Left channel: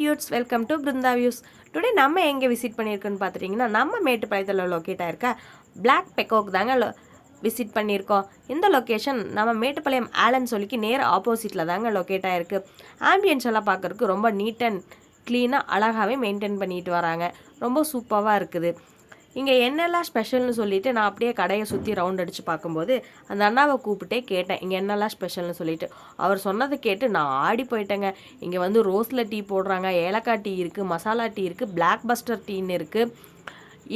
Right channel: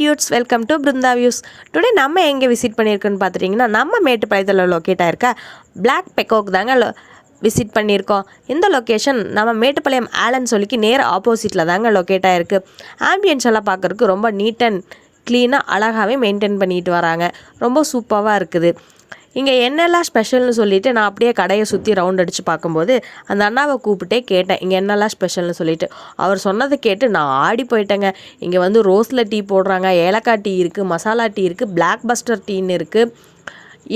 Dudes welcome to Brinda views. Today நம்ம எங்கே visit பண்ணியிருக்கோன்னு பார்த்துட்டிங்கன்னா நம்ம மேட்டுப்பாளையத்தில் லொக்கேட் ஆயிருக்க பிளாக் பெக்கோக் தாங்க விசிட் பண்ணியிருக்கோம். இந்த லொக்கேஷன் நம்ம மேட்டுப்பாளையம் ஆலன் சொல்லிக்கு நேர் ஆப்போசிட்டில் தாங்க லொக்கேட் ஆகிருக்கு. ஆம்பியன்ஸ் எல்லாம் பார்க்குறதுக்கு ரொம்ப நீட் அண்ட் க்ளீனாக அழகாகவே மெயின்டைன் பண்ணிட்டு வராங்க. ரொம்ப சூப்பராக இருக்குது. இங்கே என்னெல்லாம் ஸ்பெஷல்னு சொல்லிவிட்டு நான் அப்படியே கடையை சுற்றி ரவுண்ட் அடித்து பார்க்கும்போது அந்த அண்ணாவை கூப்பிட்டே கேட்டேன் இங்கே என்னெல்லாம் ஸ்பெஷல்னு சொல்லிவிட்டு. அவர் சொன்னதை கேட்டு நான் ஆடி போயிட்டேங்க. இங்கே வந்து ரோஸில் டீ போடுறாங்க, ஏலக்காய் டீ இருக்குது, மசாலா டீ இருக்குது, பிளாக் பஸ்டர் டீன்னு இருக்குது.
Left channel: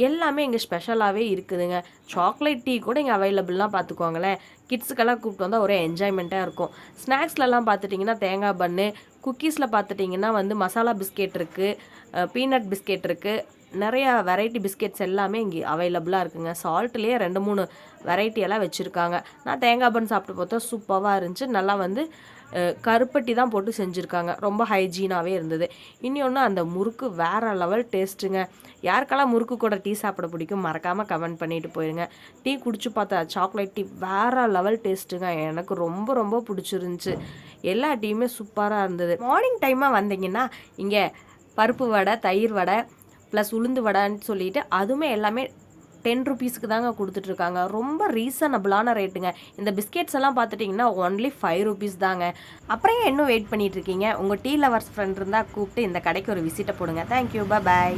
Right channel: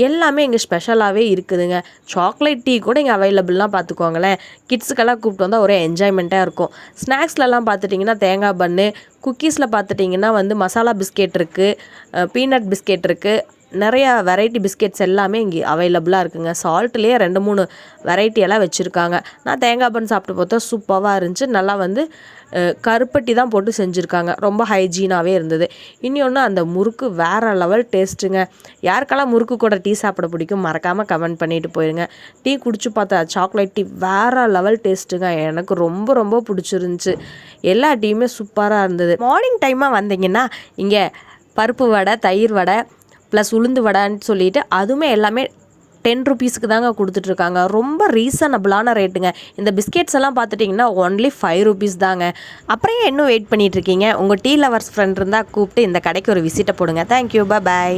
எல்லாமே இங்கே ஸ்பெஷலாகவே இருக்குதுங்க. சாக்லேட் டீ கூட இங்கே அவைலபிள்லாம் பார்த்துக்கோங்களேன். கிட்ஸுக்கெல்லாம் கூப்பிட்டு வந்தால் ஒரே என்ஜாய்மெண்ட்டாக இருக்கும். ஸ்நாக்ஸ்லலாம் பார்த்துட்டிங்கன்னா தேங்காய் பன்னு, குக்கீஸில் பார்த்துட்டிங்கன்னா வந்து மசாலா பிஸ்கெட் இருக்குது, பீனட் பிஸ்கெட் இருக்குது. நிறையா வெரைட்டி பிஸ்கெட்ஸ் எல்லாமே இங்கே அவைலபிளாக இருக்குங்க. சால்ட்லேயே 2-3 வெரைட்டியெல்லாம் வச்சுருக்காங்க. நான் தேங்காய் பன் சாப்பிட்டு பார்த்தா சூப்பராக இருந்துச்சு. நல்லா வந்து கருப்பட்டி தான் போட்டு செஞ்சுருக்காங்க. ரொம்ப ஹைஜீனாகவே இருந்தது. இன்னொன்று அந்த முறுக்கு வேறு லெவல் டேஸ்ட்டுங்க. யாருக்கெல்லாம் முறுக்கு கூட டீ சாப்பிட பிடிக்கும் மறக்காமல் கமெண்ட் பண்ணிட்டு போயிருங்க. டீ குடிச்சு பார்த்தா சாக்லேட் டீ வேறு லெவல் டேஸ்ட்டுங்க. எனக்கு ரொம்ப ரொம்ப பிடிச்சிருந்துச்சு. எல்லா டீயுமே சூப்பராக இருந்தது. மார்னிங் டைமாக வந்தீங்கன்னா இங்கே பருப்பு வடை, தயிர் வடை ப்ளஸ் உளுந்து வடைன்னு சொல்லிட்டு அதுவுமே எல்லாமே 10 ருபீஸ்க்கு தாங்க கொடுத்துட்ருக்காங்க. ரொம்ப ரீசனபிளான ரேட்டுங்க. இந்த பிஸ்கெட்ஸ் எல்லாம் பார்த்துட்டிங்கன்னா ஒன்லி 5 ருபீஸ் தாங்க. அப்புறம் இன்னும் வெயிட் பண்ணிகிட்ருக்கீங்க? உங்கள் டீ லவர்ஸ் ஃப்ரெண்ட் இருந்தால் கூப்பிட்டு இந்த கடைக்கு ஒரு விசிட்டை போடுங்க. தேங்க்யூ, பாய்.